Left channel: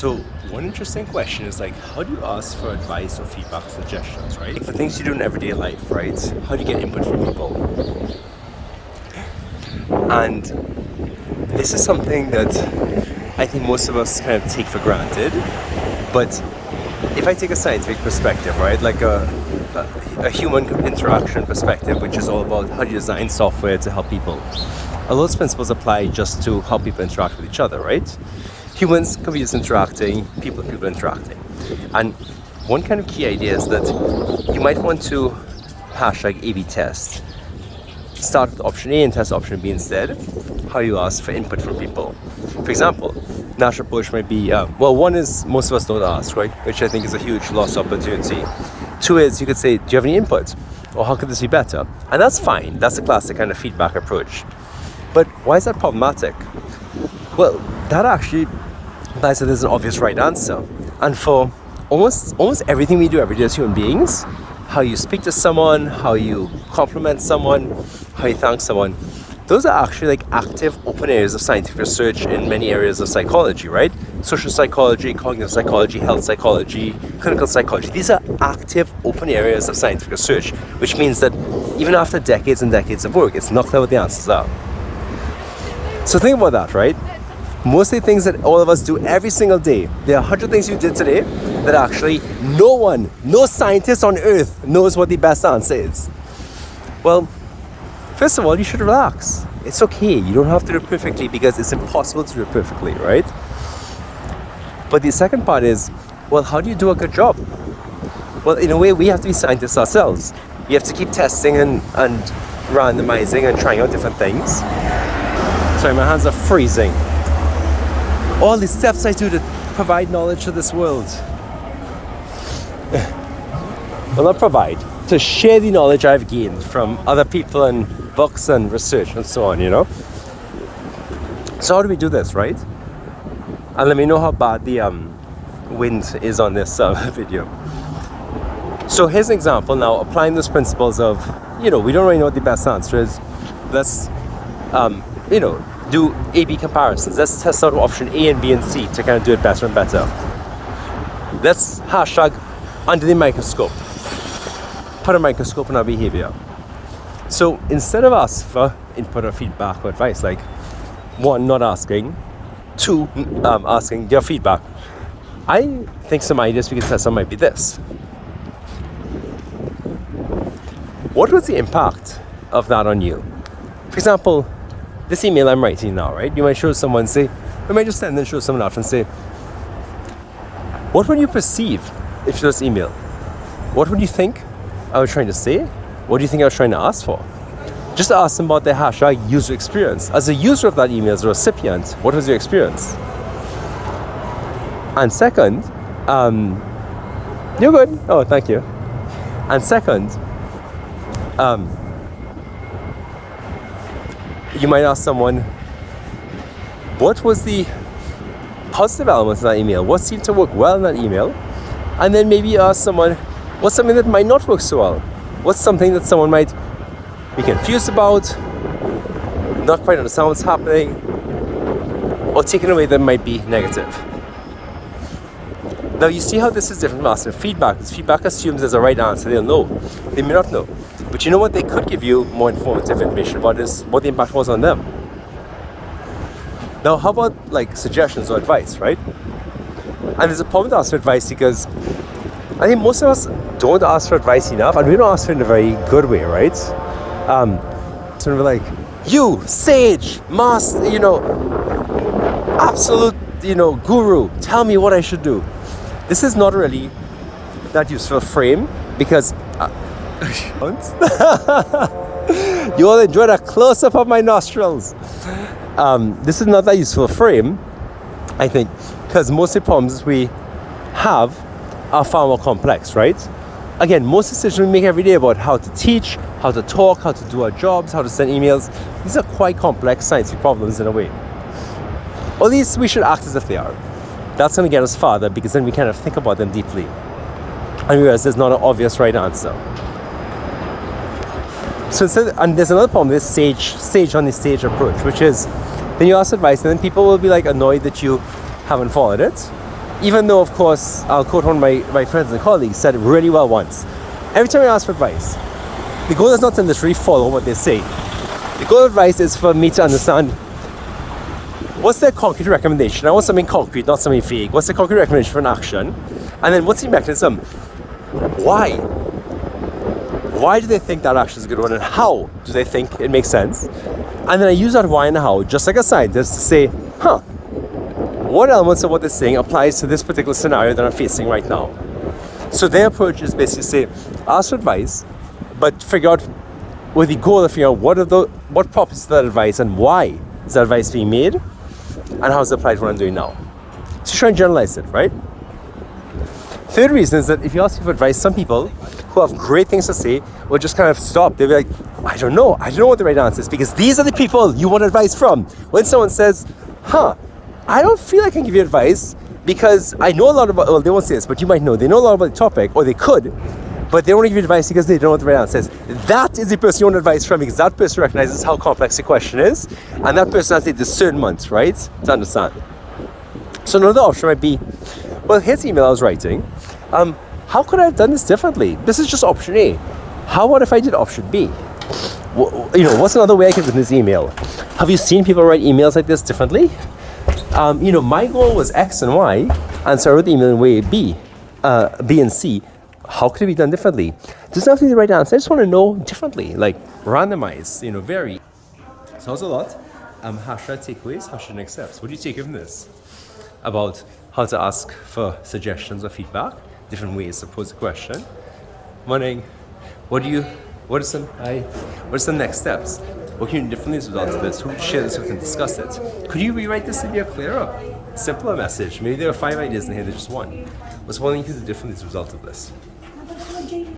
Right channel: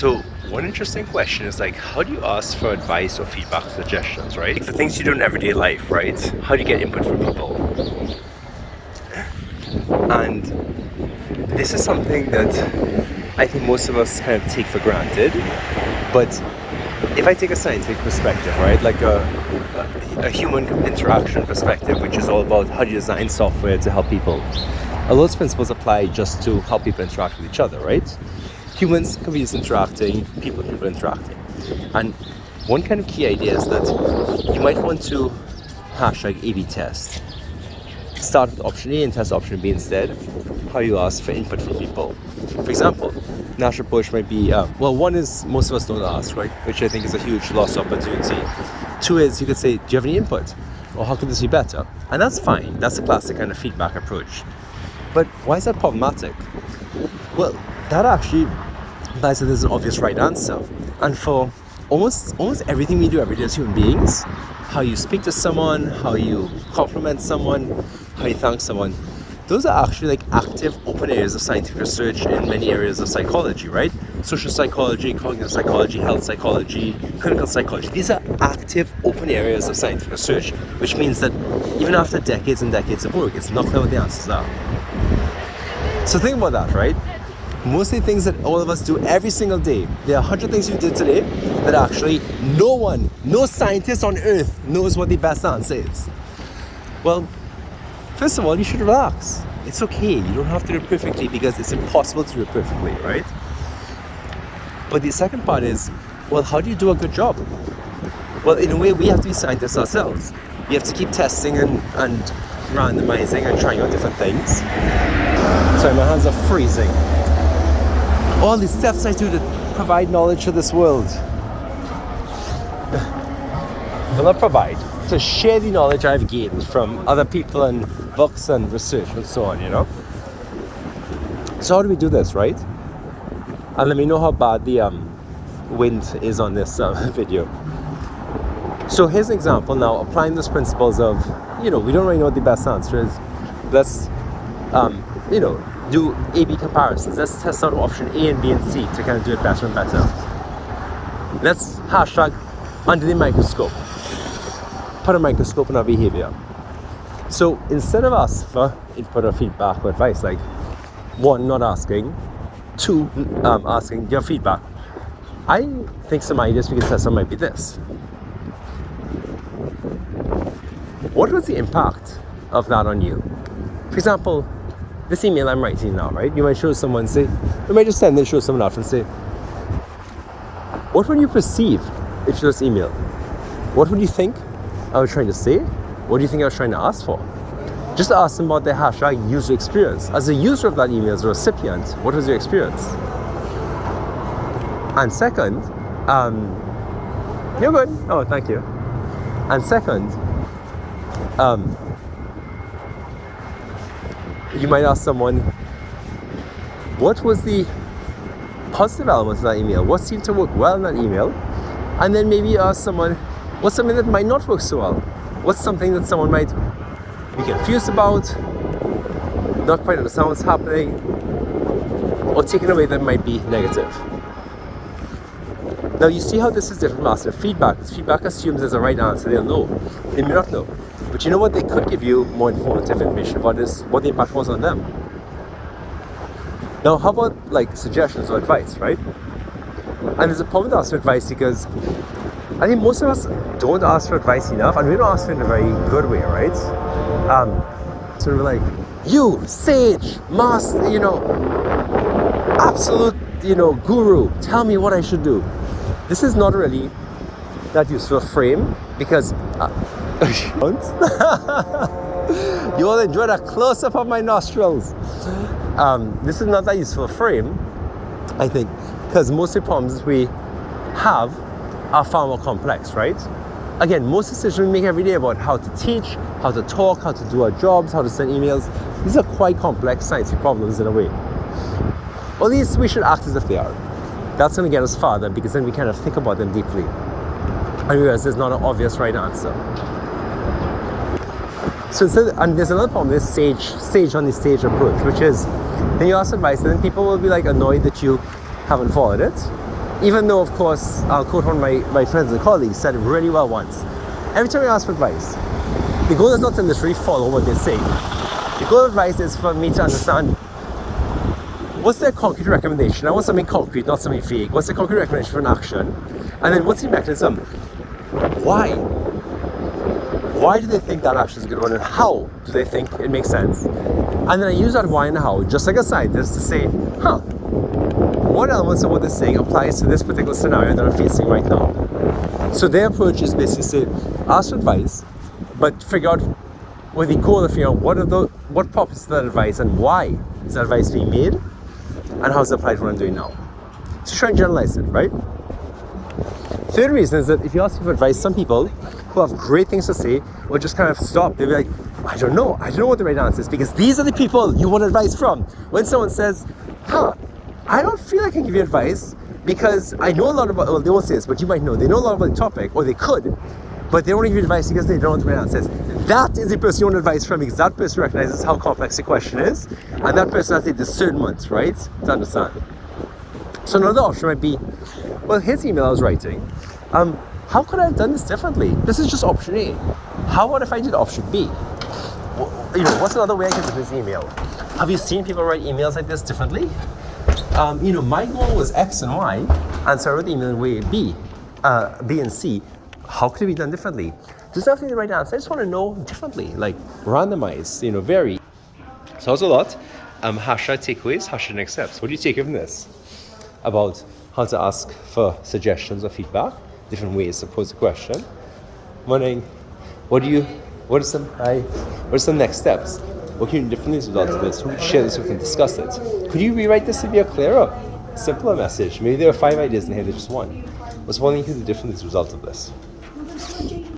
So one interesting question is like, how do you ask for advice or feedback or suggestions, right? Like the things you do in everyday life, right? How do you get input from people? And this is something that I think most of us kind of take for granted. But if I take a scientific perspective, right, like a human interaction perspective, which is all about how you design software to help people, a lot of principles apply just to how people interact with each other, right? Humans, computers interacting, people interacting. And one kind of key idea is that you might want to hashtag A/B test. Start with option A and test option B instead. How you ask for input from people. For example, natural approach might be, one is most of us don't ask, right? Which I think is a huge lost opportunity. Two is you could say, do you have any input? Or how could this be better? And that's fine. That's a classic kind of feedback approach. But why is that problematic? Well, that actually implies that there's an obvious right answer. And for almost everything we do every day as human beings, how you speak to someone, how you compliment someone, how you thank someone, those are actually like active open areas of scientific research in many areas of psychology, right? Social psychology, cognitive psychology, health psychology, clinical psychology. These are active open areas of scientific research, which means that even after decades and decades of work, it's not clear what the answers are. So think about that, right? Most of the things that all of us do every single day, there are 100 things you did today that actually no scientist on earth knows what the best answer is. Well, first of all, you should relax. It's okay. You don't have to do it perfectly because it's impossible to do it perfectly, right? But the second part is, well, how do you do a good job? Well, in a way, we have to be scientists ourselves. We have to keep testing and randomizing and trying out different things. Sorry, my hands are freezing. All the steps I do to provide knowledge to this world. Well, not provide, to share the knowledge I've gained from other people and books and research and so on, you know? So how do we do this, right? And let me know how bad the wind is on this video. So here's an example now, applying these principles of, we don't really know what the best answer is. Let's, do A/B comparisons. Let's test out option A and B and C to kind of do it better and better. Let's hashtag under the microscope. Put a microscope on our behavior. So instead of asking for input or feedback or advice, like one, not asking, two, asking your feedback, I think some ideas we can test on might be this. What was the impact of that on you? For example, this email I'm writing now, right? You might show someone, you might just send and show someone else and say, what would you perceive if you this email? What would you think I was trying to say? What do you think I was trying to ask for? Just ask them about their hashtag user experience. As a user of that email, as a recipient, what was your experience? And second, you're good. Oh, thank you. And second, you might ask someone, what was the positive elements of that email? What seemed to work well in that email? And then maybe ask someone, what's something that might not work so well? What's something that someone might be confused about, not quite understand what's happening, or taken away that might be negative? Now you see how this is different from asking feedback. Because feedback assumes there's a right answer. They'll know. They may not know. But you know what they could give you more informative information about is what the impact was on them. Now how about like suggestions or advice, right? And there's a problem with asking for advice because I think most of us don't ask for advice enough, and we don't ask for it in a very good way, right? So we're like, you, sage, master, absolute, guru, tell me what I should do. This is not really that useful a frame because you all enjoyed a close-up of my nostrils. This is not that useful a frame, I think, because most of the problems we have are far more complex, right? Again, most decisions we make every day about how to teach, how to talk, how to do our jobs, how to send emails, these are quite complex scientific problems in a way. Or at least we should act as if they are. That's going to get us farther because then we kind of think about them deeply and realize there's not an obvious right answer. So and there's another problem, this sage on the stage approach, which is that you ask advice and then people will be like annoyed that you haven't followed it. Even though, of course, I'll quote one of my friends and colleagues said it really well once. Every time I ask for advice, the goal is not to literally follow what they say. The goal of advice is for me to understand what's their concrete recommendation. I want something concrete, not something vague. What's the concrete recommendation for an action? And then what's the mechanism? Why? Why do they think that action is a good one, and how do they think it makes sense? And then I use that why and how, just like a scientist, to say, what elements of what they're saying applies to this particular scenario that I'm facing right now? So their approach is basically say, ask for advice, but figure out with the goal of figuring out what properties of that advice and why is that advice being made, and how is it applied to what I'm doing now. So try and generalize it, right? Third reason is that if you ask for advice, some people who have great things to say will just kind of stop. They'll be like, I don't know what the right answer is, because these are the people you want advice from. When someone says, I don't feel I can give you advice because I know a lot about, well, they won't say this, but you might know, they know a lot about the topic, or they could, but they don't want to give you advice because they don't know what the right answer is. That is the person you want advice from, because that person recognizes how complex the question is, and that person has the discernment, right, to understand. So another option might be, well, here's the email I was writing. How could I have done this differently? This is just option A. How about if I did option B? What's another way I could do this email? Have you seen people write emails like this differently? My goal was X and Y, and so I wrote the email in way B and C. How could it be done differently? Doesn't have to be the right answer. I just want to know differently, like randomize, vary. So that's a lot. Hashtag takeaways, hashtag next steps. What do you take from this about how to ask for suggestions or feedback, different ways to pose a question? Wondering, what are some next steps? What can you do differently as a result of this? Who would share this with and discuss it? Could you rewrite this to be a clearer, simpler message? Maybe there are 5 ideas in here, there's just one. What's one thing you could do differently as a result of this?